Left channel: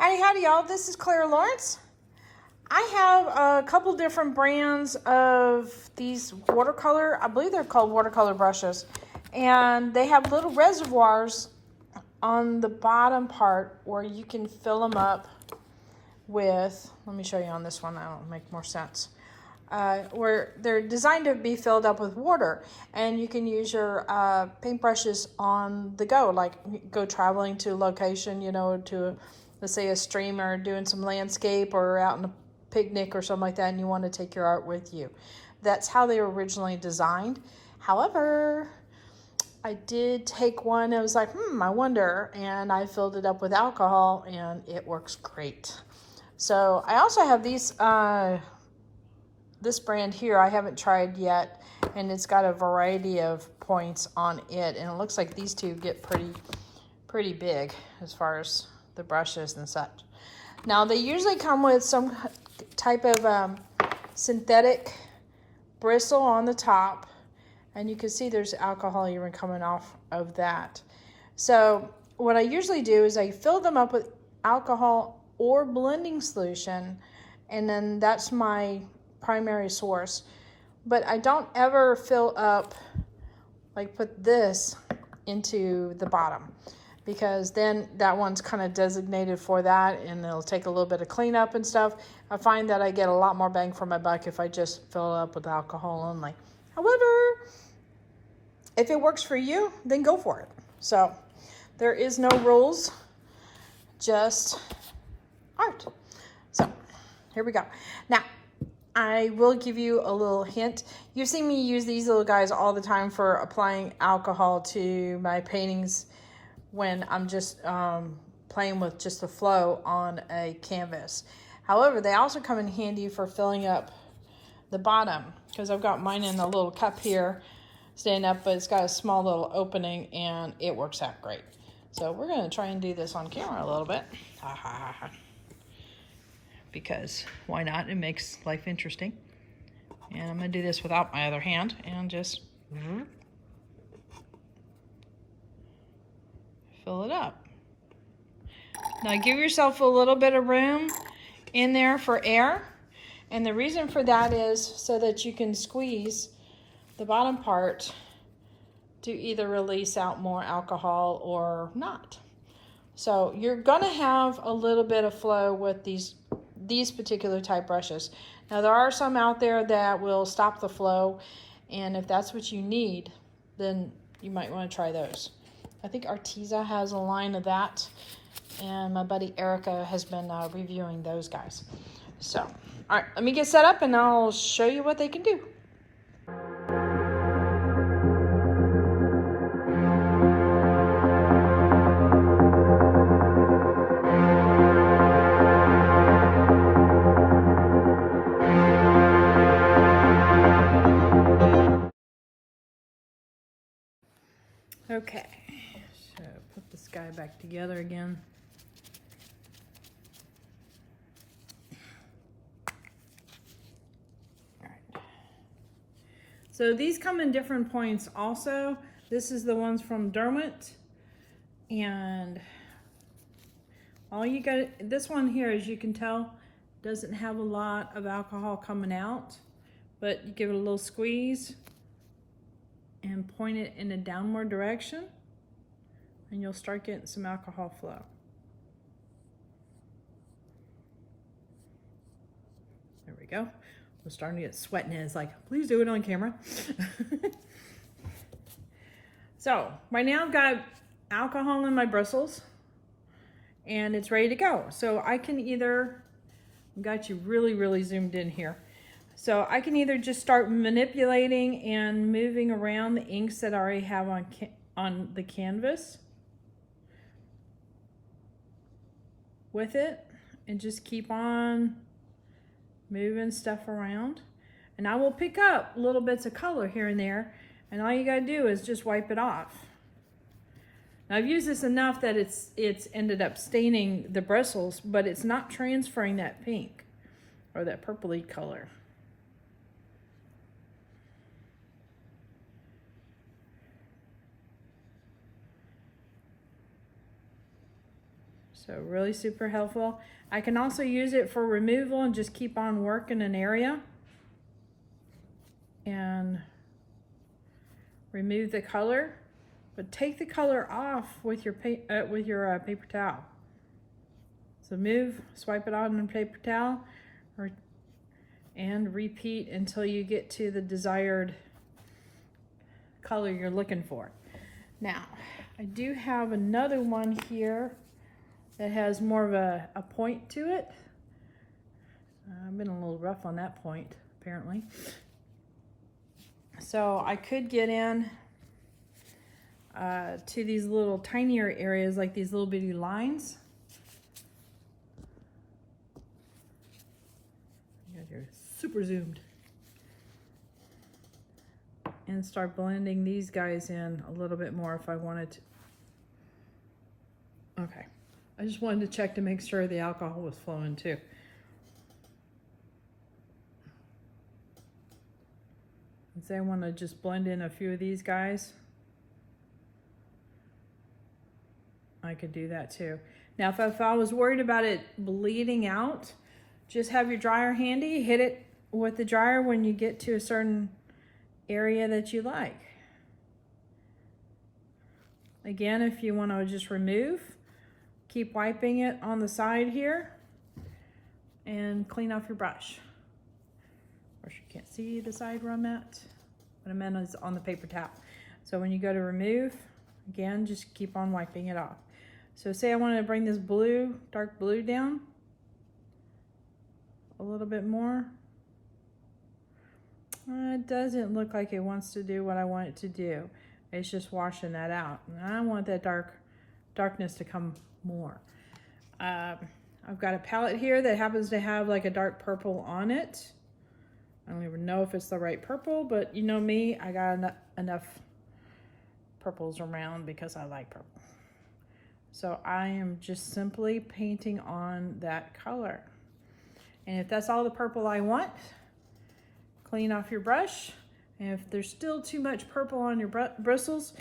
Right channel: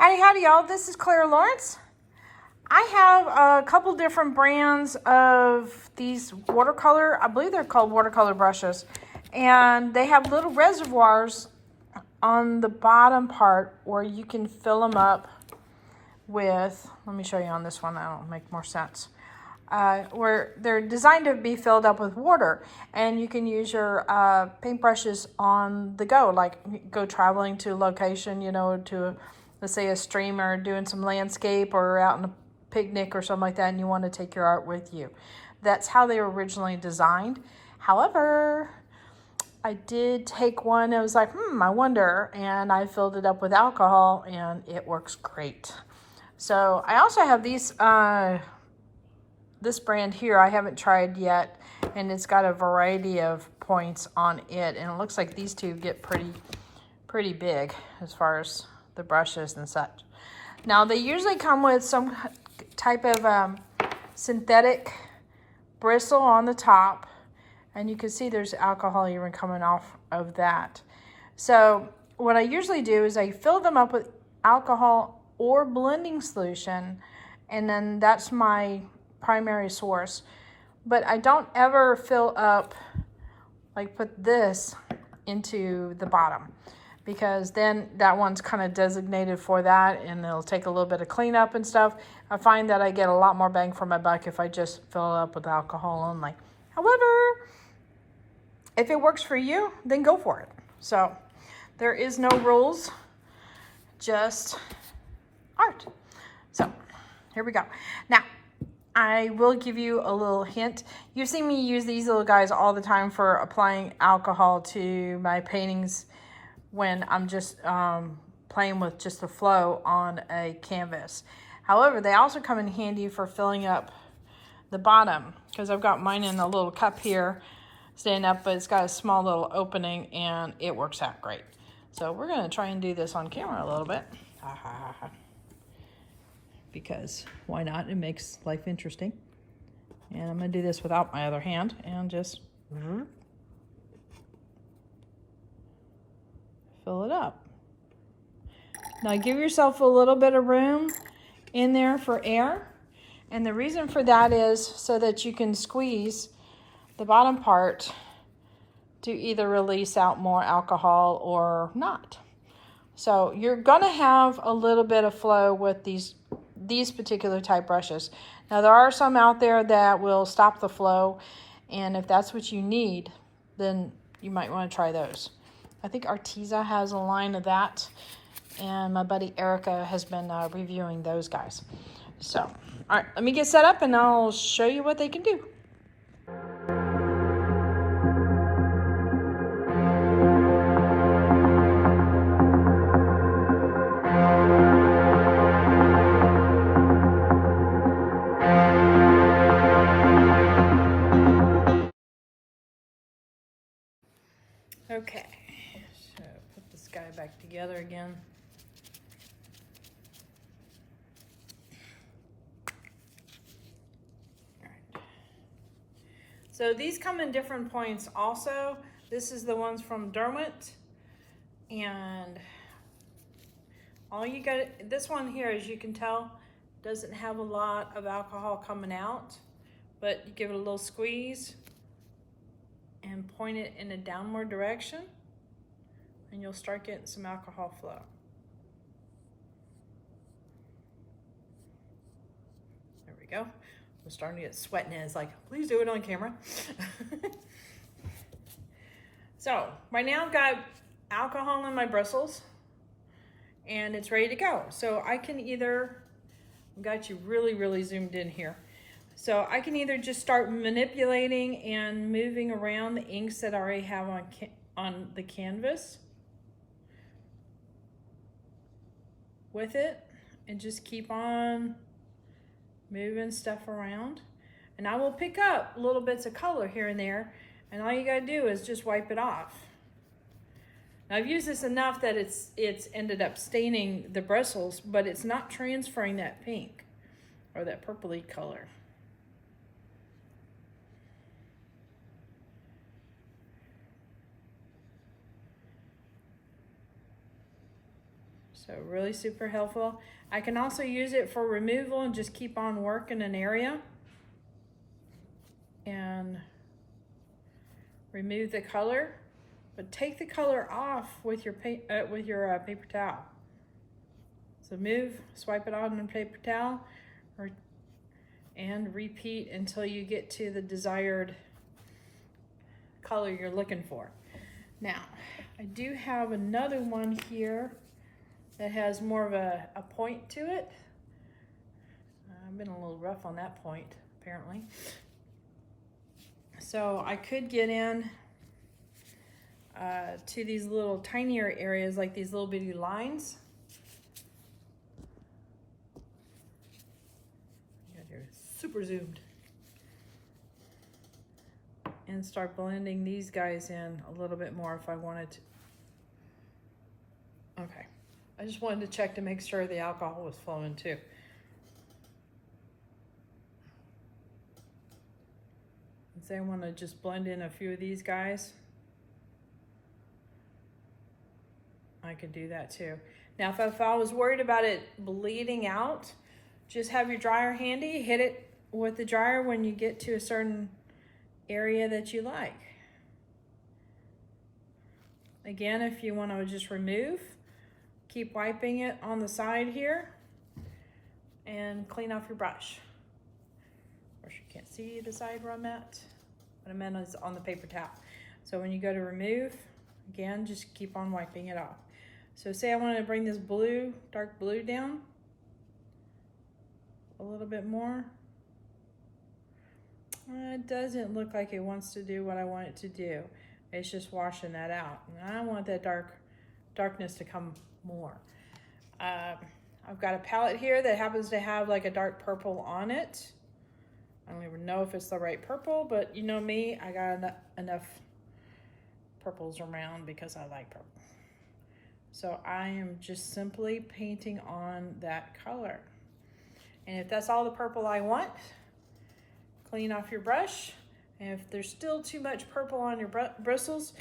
Howdy, howdy, y'all. This is Clara Lawrence. I have a couple different brands of these watercolor, I believe they're called watercolor brushes. And they have little reservoirs on the bottom part where you can fill them up with, let me show you on this one, that'll make more sense. Where they're designed to be filled up with water, and you can use your paintbrushes on the go, like go traveling to a location, you know, to let's say a stream or doing some landscape or out on a picnic or something like that, and you want to take your art with you. That's how they were originally designed. However, I did take one, I was like, I wonder, and I filled it up with alcohol and it works great. So I also have these this brand here I haven't tried yet, and it's got a variety of points on it, and it looks like these two get pretty big as far as the brushes and such. Now they usually come with some type of synthetic bristle on the top, and you can see there's alcohol even coming off of that. So what I usually do is I fill them up with alcohol or blending solution, and then that's my primary source. But I don't ever fill up, like put this into the bottom, because then that one's kind of designated for that, and it'll take a little bit of cleanup and stuff. I find that I get a lot more bang for my buck if I just fill it up with alcohol only. However, if it works for you, then go for it. So there is no rules, just art. So here we go. Now, I will give you a little hint. You've seen me use these little guys all the time for applying alcohol to my paintings when I'm just playing with just the flow on a canvas. However, they also come in handy for filling up the bottom, because I've got mine in a little cup here staying up, but it's got a small little opening and it works out great. So we're going to try and do this on camera a little bit. Because why not? It makes life interesting. And I'm going to do this without my other hand and just fill it up. Now give yourself a little bit of room in there for air. And the reason for that is so that you can squeeze the bottom part to either release out more alcohol or not. So you're going to have a little bit of flow with these particular type brushes. Now there are some out there that will stop the flow, and if that's what you need, then you might want to try those. I think Arteza has a line of that, and my buddy Erica has been reviewing those guys. So, all right, let me get set up and I'll show you what they can do. Okay, so put this guy back together again. All right. So these come in different points also. This is the ones from Derwent, and all you got, this one here, as you can tell, doesn't have a lot of alcohol coming out, but you give it a little squeeze and point it in a downward direction, and you'll start getting some alcohol flow. There we go. I'm starting to get sweating, and it's like, please do it on camera. So right now I've got alcohol in my bristles and it's ready to go. So I can either, I've got you really zoomed in here. So I can either just start manipulating and moving around the inks that I already have on the canvas with it, and just keep on moving stuff around. And I will pick up little bits of color here and there, and all you gotta do is just wipe it off. Now I've used this enough that it's ended up staining the bristles, but it's not transferring that pink or that purpley color. So really super helpful. I can also use it for removal and just keep on working an area and remove the color, but take the color off with your paper towel. So move, swipe it on the paper towel, and repeat until you get to the desired color you're looking for. Now, I do have another one here that has more of a point to it. I've been a little rough on that point, apparently. So I could get in to these little tinier areas, like these little bitty lines. Super zoomed. And start blending these guys in a little bit more if I wanted to. Okay, I just wanted to check to make sure the alcohol was flowing too. And say I want to just blend in a few of these guys. I could do that too. Now if I was worried about it bleeding out, just have your dryer handy, hit it with the dryer when you get to a certain area that you like. Again, if you want to just remove, keep wiping it on the side here and clean off your brush. Of course, you can't see the side where I'm at. What I meant is on the paper towel. So when you go to remove, again, just keep on wiping it off. So say I wanted to bring this blue, dark blue down a little bit more. It doesn't look like it wants to do what I want it to do. It's just washing that out. And I want that darkness to come more. I've got a palette here that happens to have like a dark purple on it. I don't even know if it's the right purple, but you know me, I got enough purples around because I like purple. So I am just simply painting on that color. And if that's all the purple I want, clean off your brush. And if there's still too much purple on your bristles,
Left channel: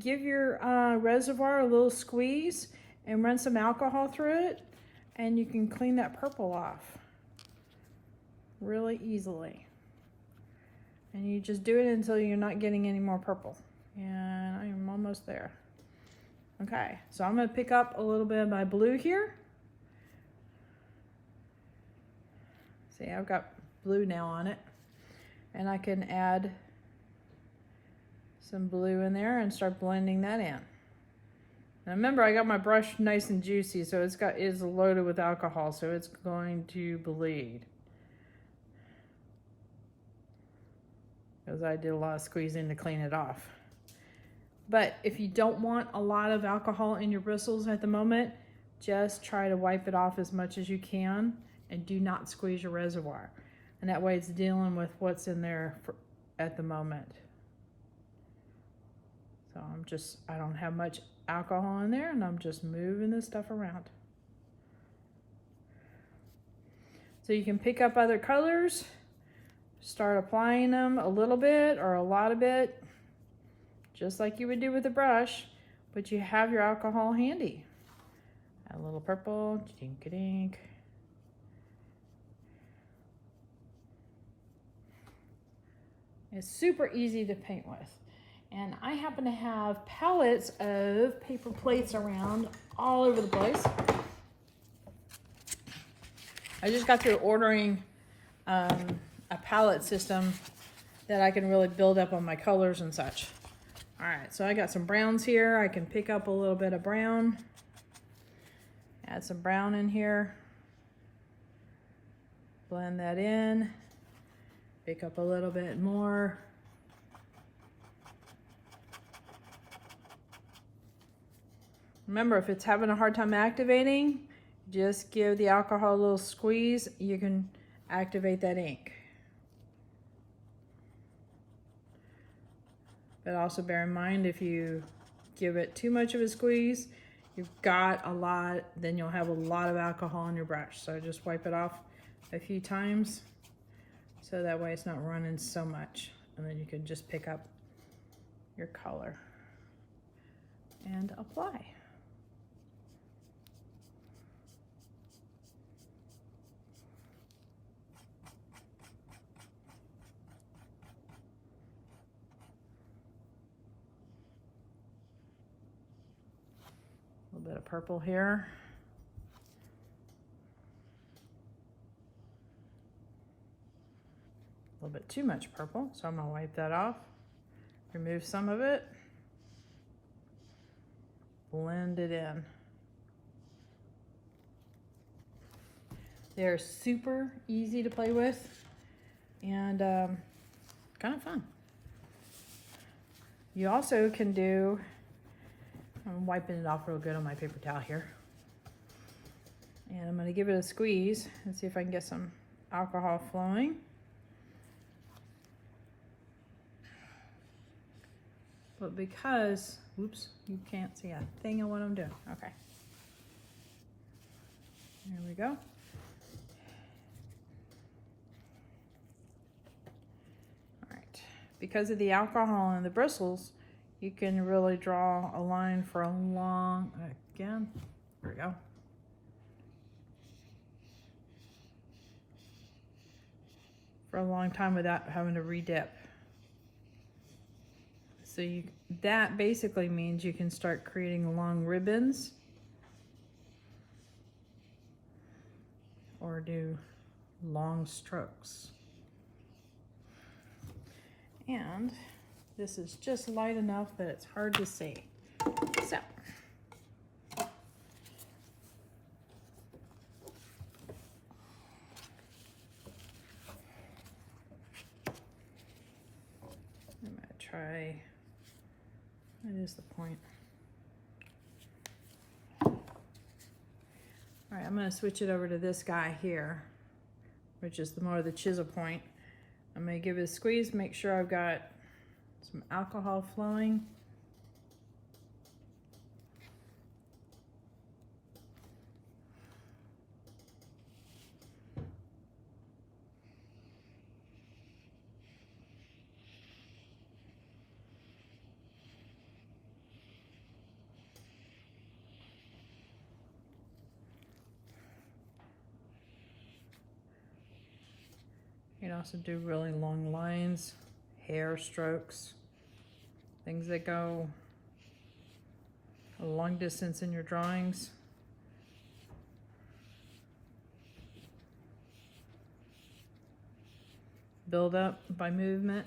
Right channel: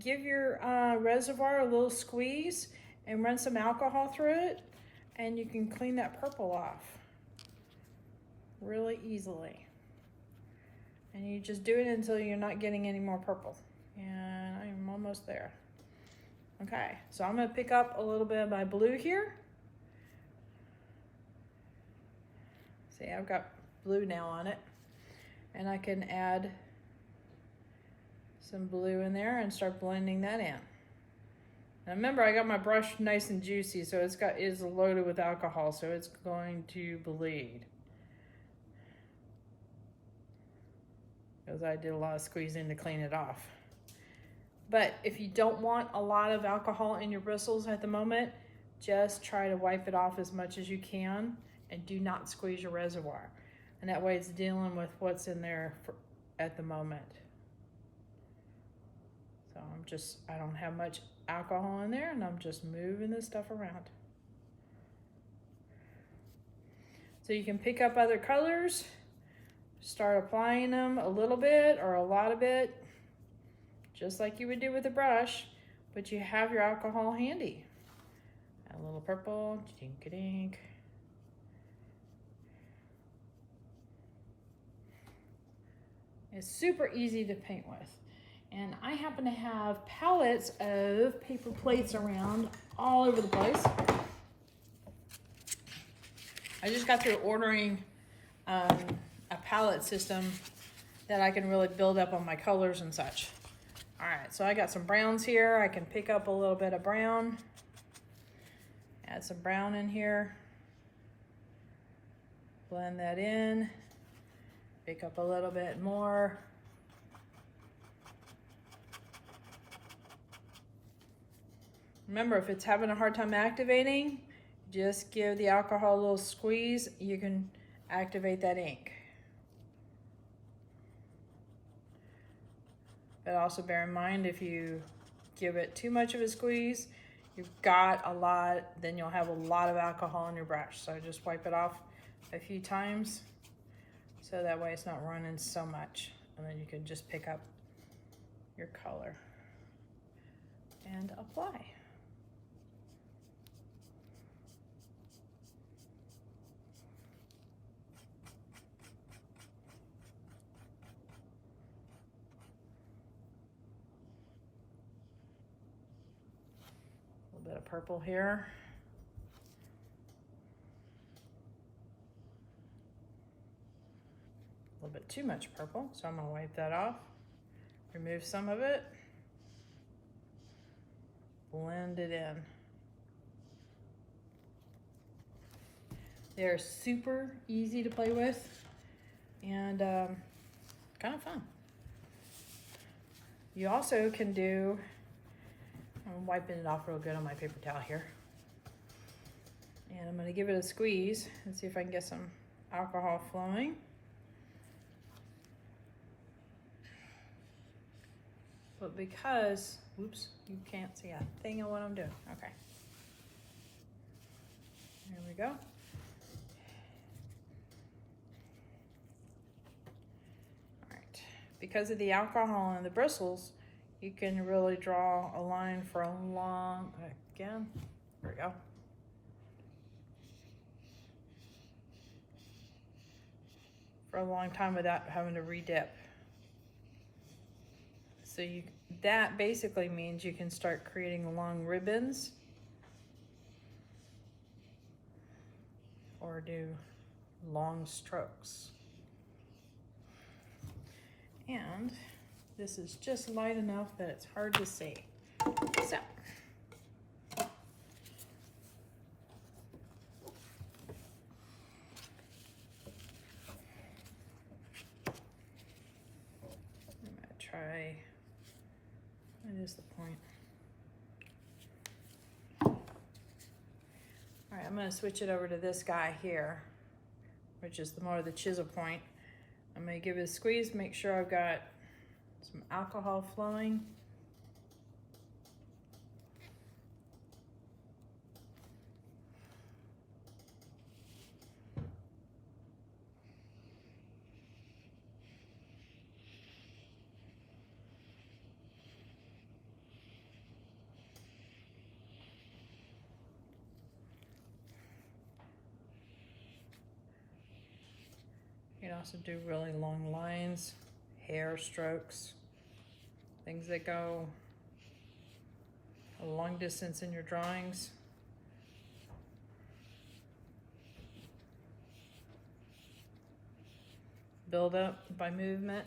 give your reservoir a little squeeze and run some alcohol through it, and you can clean that purple off really easily. And you just do it until you're not getting any more purple. And I'm almost there. Okay, so I'm gonna pick up a little bit of my blue here. See, I've got blue now on it. And I can add some blue in there and start blending that in. Now remember, I got my brush nice and juicy, so it's loaded with alcohol, so it's going to bleed. Because I did a lot of squeezing to clean it off. But if you don't want a lot of alcohol in your bristles at the moment, just try to wipe it off as much as you can and do not squeeze your reservoir. And that way it's dealing with what's in there at the moment. So I don't have much alcohol in there, and I'm just moving this stuff around. So you can pick up other colors, start applying them a little bit or a lot of it, just like you would do with a brush, but you have your alcohol handy. Add a little purple, dink-a-dink. It's super easy to paint with. And I happen to have pallets of paper plates around all over the place. I just got through ordering a palette system that I can really build up on my colors and such. All right, so I got some browns here. I can pick up a little bit of brown. Add some brown in here. Blend that in. Pick up a little bit more. Remember, if it's having a hard time activating, just give the alcohol a little squeeze. You can activate that ink. But also bear in mind, if you give it too much of a squeeze, you've got a lot, then you'll have a lot of alcohol in your brush. So just wipe it off a few times, so that way it's not running so much. And then you can just pick up your color and apply. purple here. A little bit too much purple, so I'm gonna wipe that off. Remove some of it. Blend it in. They're super easy to play with and kind of fun. You also can do, I'm wiping it off real good on my paper towel here. And I'm gonna give it a squeeze and see if I can get some alcohol flowing. But because, whoops, you can't see a thing of what I'm doing. Okay. There we go. All right. Because of the alcohol and the bristles, you can really draw a line for a long, again, there we go. For a long time without having to re-dip. So that basically means you can start creating long ribbons or do long strokes. And this is just light enough that it's hard to see. So, I'm gonna try. That is the point. All right, I'm gonna switch it over to this guy here, which is the more the chisel point. I'm gonna give it a squeeze, make sure I've got some alcohol flowing. You can also do really long lines, hair strokes, things that go a long distance in your drawings. Build up by movement.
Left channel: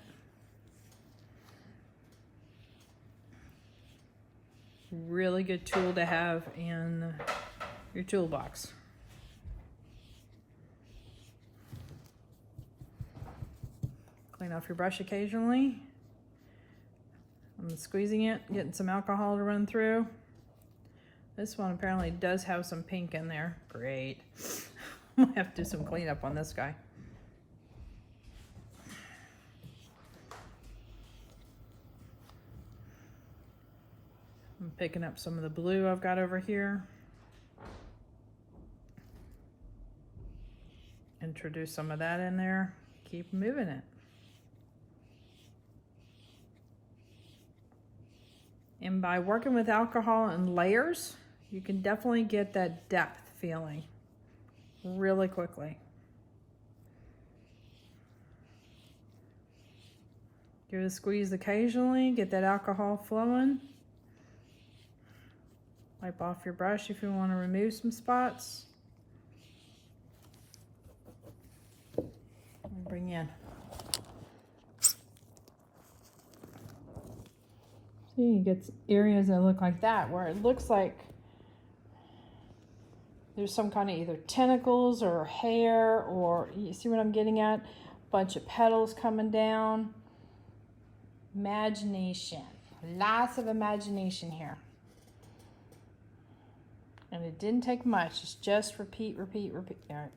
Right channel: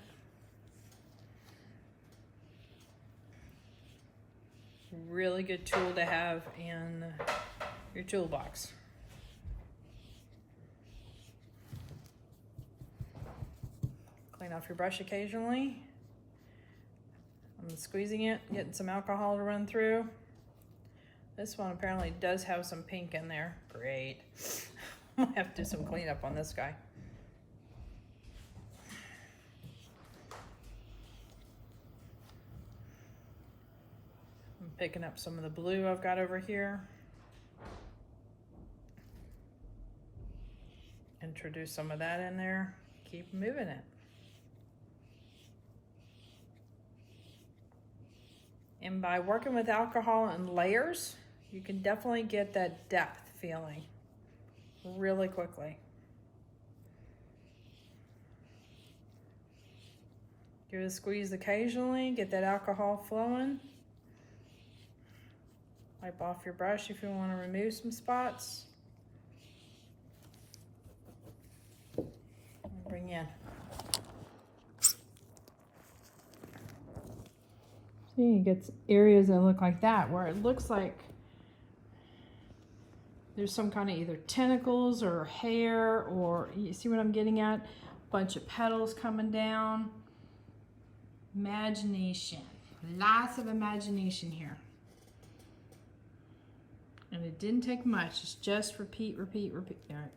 Really good tool to have in your toolbox. Clean off your brush occasionally. I'm squeezing it, getting some alcohol to run through. This one apparently does have some pink in there. Great. I have to do some cleanup on this guy. I'm picking up some of the blue I've got over here. Introduce some of that in there. Keep moving it. And by working with alcohol and layers, you can definitely get that depth feeling really quickly. Give it a squeeze occasionally, get that alcohol flowing. Wipe off your brush if you want to remove some spots. Bring in. See, you get areas that look like that where it looks like there's some kind of either tentacles or hair, or you see what I'm getting at? A bunch of petals coming down. Imagination. Lots of imagination here. And it didn't take much. It's just repeat, repeat, repeat. All right.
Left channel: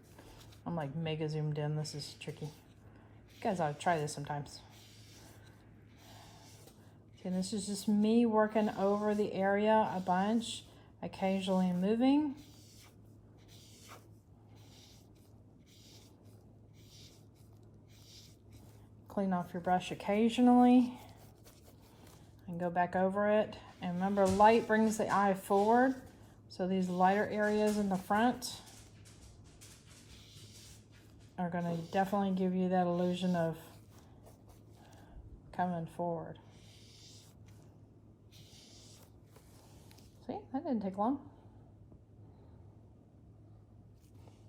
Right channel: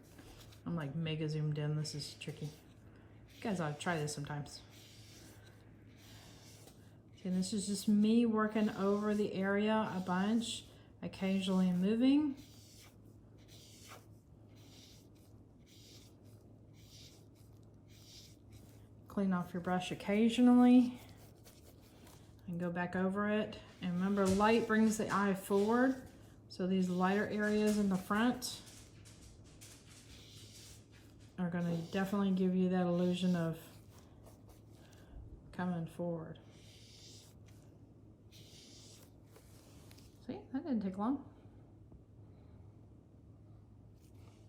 I'm like mega zoomed in. This is tricky. You guys ought to try this sometimes. See, this is just me working over the area a bunch, occasionally moving. Clean off your brush occasionally and go back over it. And remember, light brings the eye forward. So these lighter areas in the front are going to definitely give you that illusion of coming forward. See, that didn't take long.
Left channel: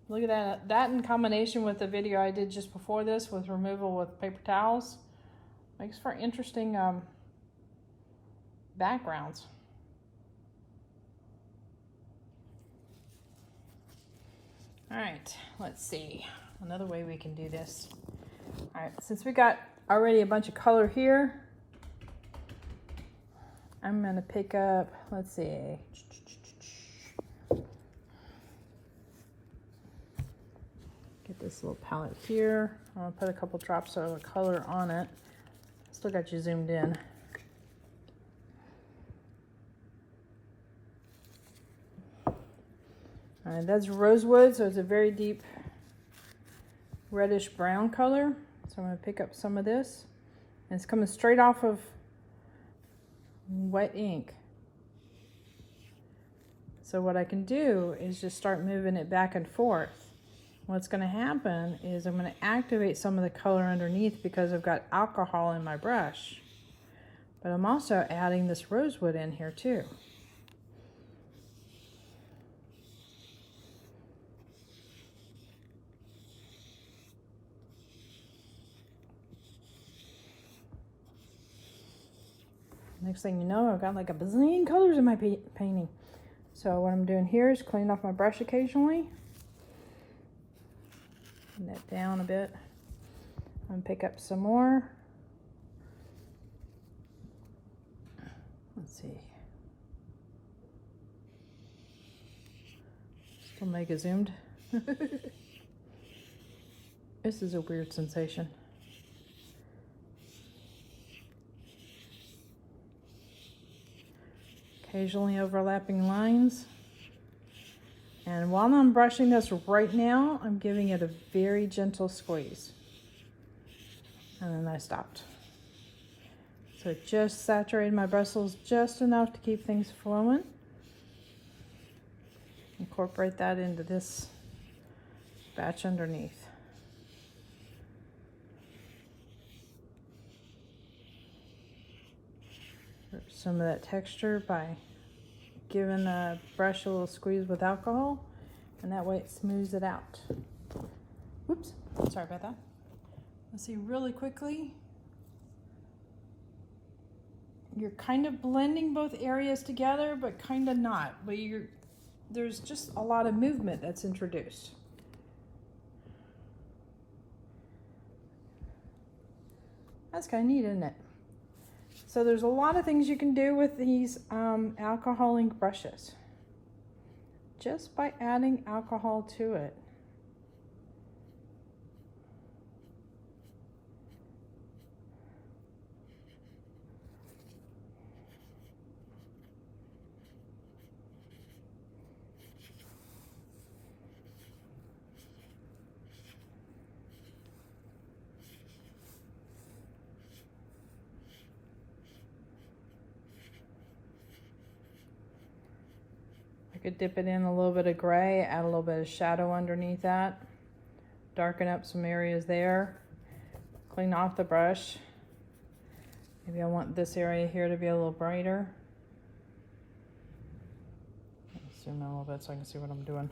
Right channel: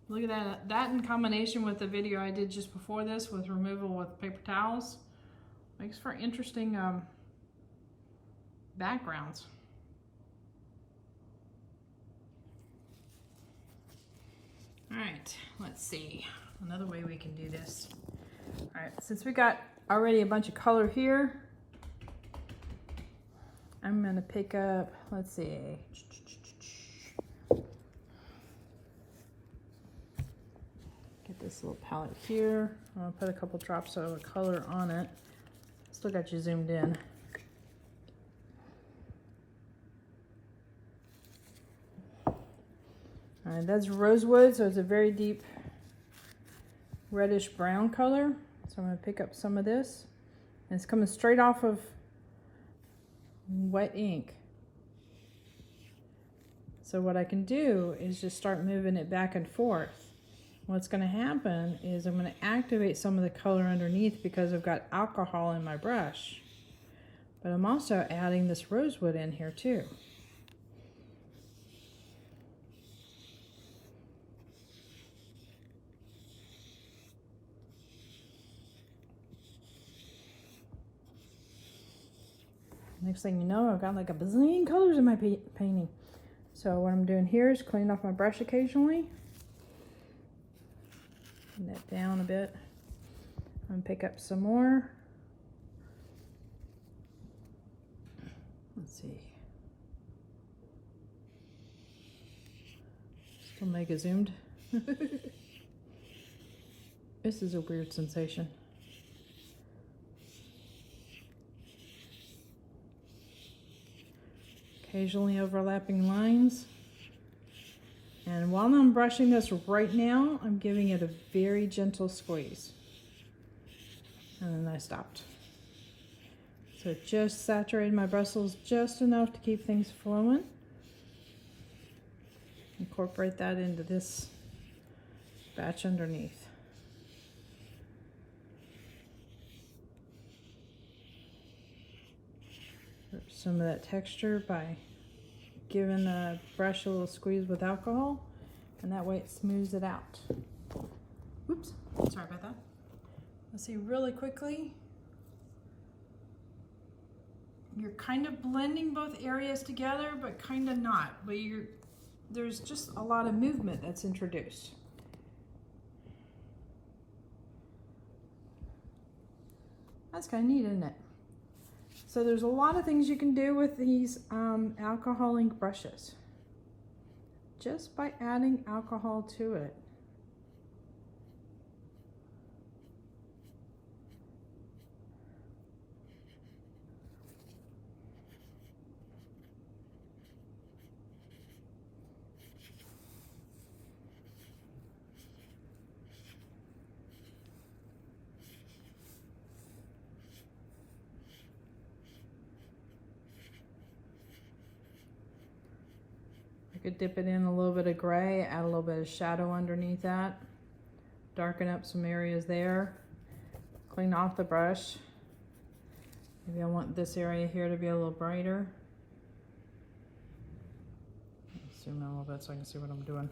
Look at that. That in combination with the video I did just before this with removal with paper towels makes for interesting backgrounds. All right, let's see. Another way we can do this. All right, since we got already a bunch of color here, I'm gonna pick up, let's see. Get this little palette here. I'll put a couple drops of the color on it. Still got you zoomed in. All right, that's rosewood, so it's a very deep reddish brown color. So I'm going to pick up some of this. And it's coming straight off of wet ink. So what I can do is just start moving it back and forth. What's going to happen is I'm going to activate some of the color underneath because I've got alcohol in my brush. But I'm also adding this rosewood in here too. Next thing you know, I've got like a bazillion colors in my painting. So what I'm doing here is clean off my brush occasionally. Bring that down a bit. I'm gonna pick up some more. Let's see. Still mega zoomed. This is a weird sensation. Occasionally overlapping lines. And while I'm brushing this right now, I'm giving it a very gentle squeeze. And then I stopped. So it just saturated my bristles just enough to keep things flowing. Incorporate that into this batch underneath. Some of that texture by giving the brush a little squeeze with alcohol, and that way it smooths it out. Whoops, sorry about that. Let's see really quickly. You're kind of blending both areas together, but kind of not. But there's just a lot of movement that's introduced. That's kind of neat, isn't it? So there's a lot of things you can do with these alcohol ink brushes, just by adding alcohol to it. I could dip it in a little bit of gray, add a little bit of shadow underneath that, darken up some areas there, clean off the brush. Maybe I want this area here to be a little brighter. Zoom in a little bit so I can see what I'm doing.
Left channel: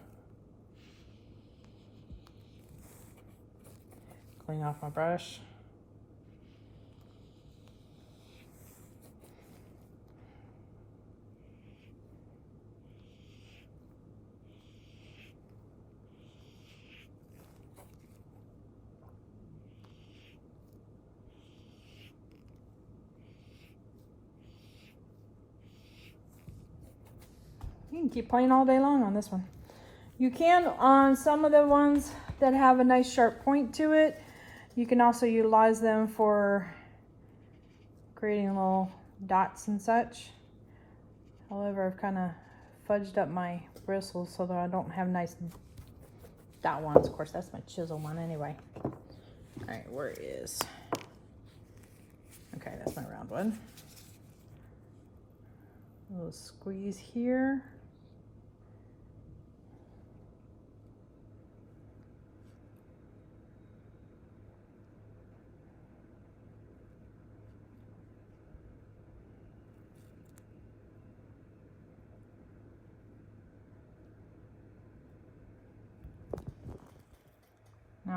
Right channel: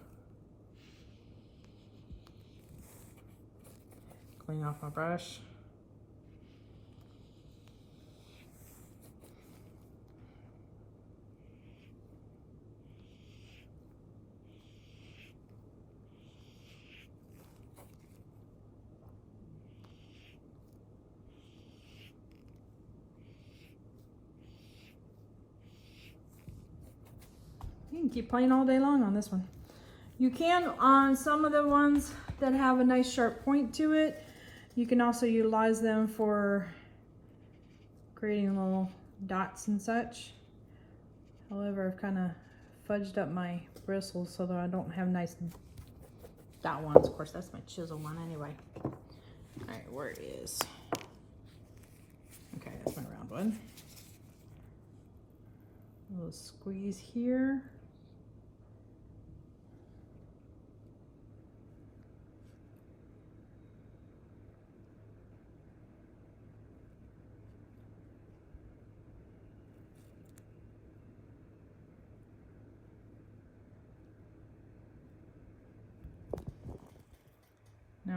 Clean off my brush. You can keep playing all day long on this one. You can on some of the ones that have a nice sharp point to it. You can also utilize them for creating little dots and such. However, I've kind of fudged up my bristles so that I don't have nice dot ones. Of course, that's my chisel one anyway. All right, where is? Okay, that's my round one. A little squeeze here.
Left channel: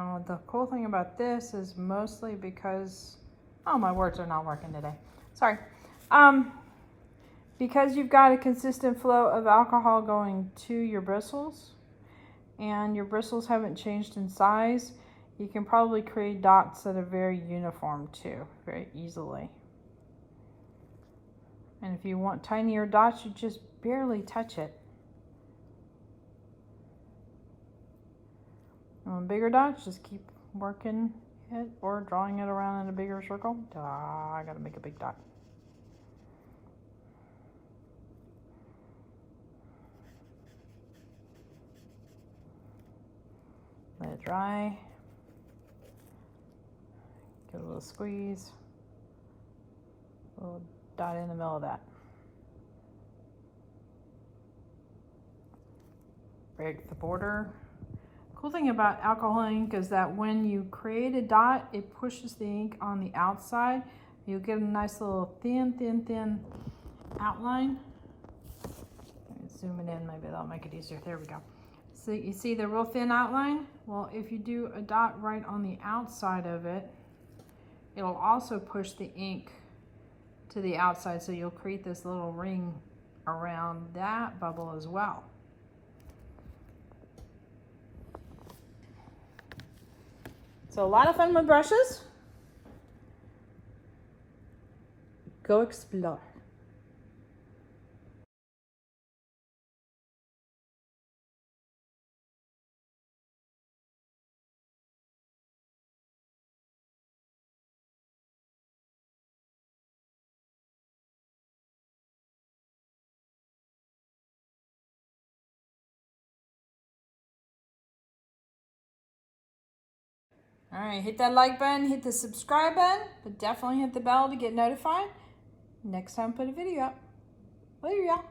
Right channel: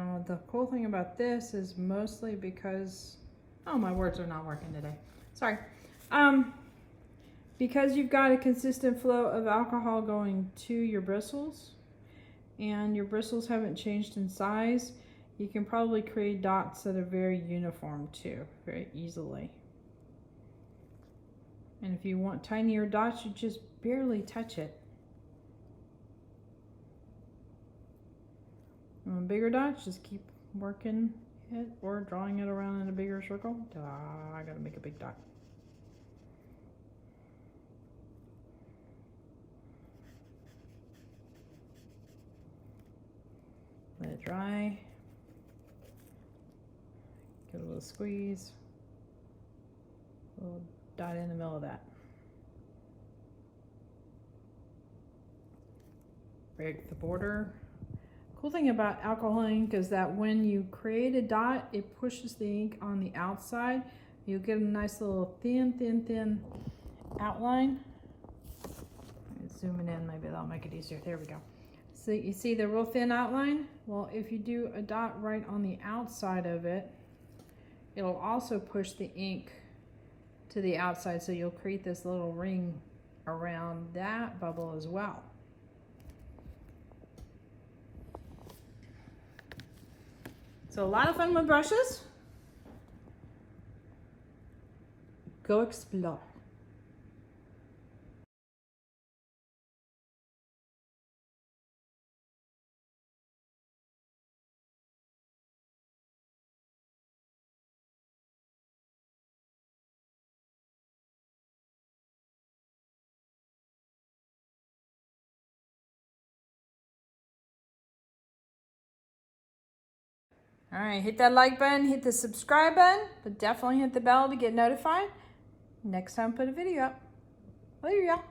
Now the cool thing about this is mostly because, oh, my words are not working today. Sorry. Because you've got a consistent flow of alcohol going to your bristles, and your bristles haven't changed in size, you can probably create dots that are very uniform too, very easily. And if you want tinier dots, you just barely touch it. And want bigger dots, just keep working it or drawing it around in a bigger circle. I gotta make a big dot. Let it dry. Give it a little squeeze. A little dot in the middle of that. Break the border. Cool thing about alcohol ink is that when you create a dot, it pushes the ink on the outside. You'll get a nice little thin outline. Zoom it in, maybe that'll make it easier. There we go. So you see the real thin outline? Well, if you do a dot right on the outside of it, it'll also push the ink to the outside, so you'll create this little ring around that bubble as well. So a lot of fun with brushes. Go explore. All right, hit that like button, hit the subscribe button, but definitely hit the bell to get notified next time I put a video up. Later, y'all.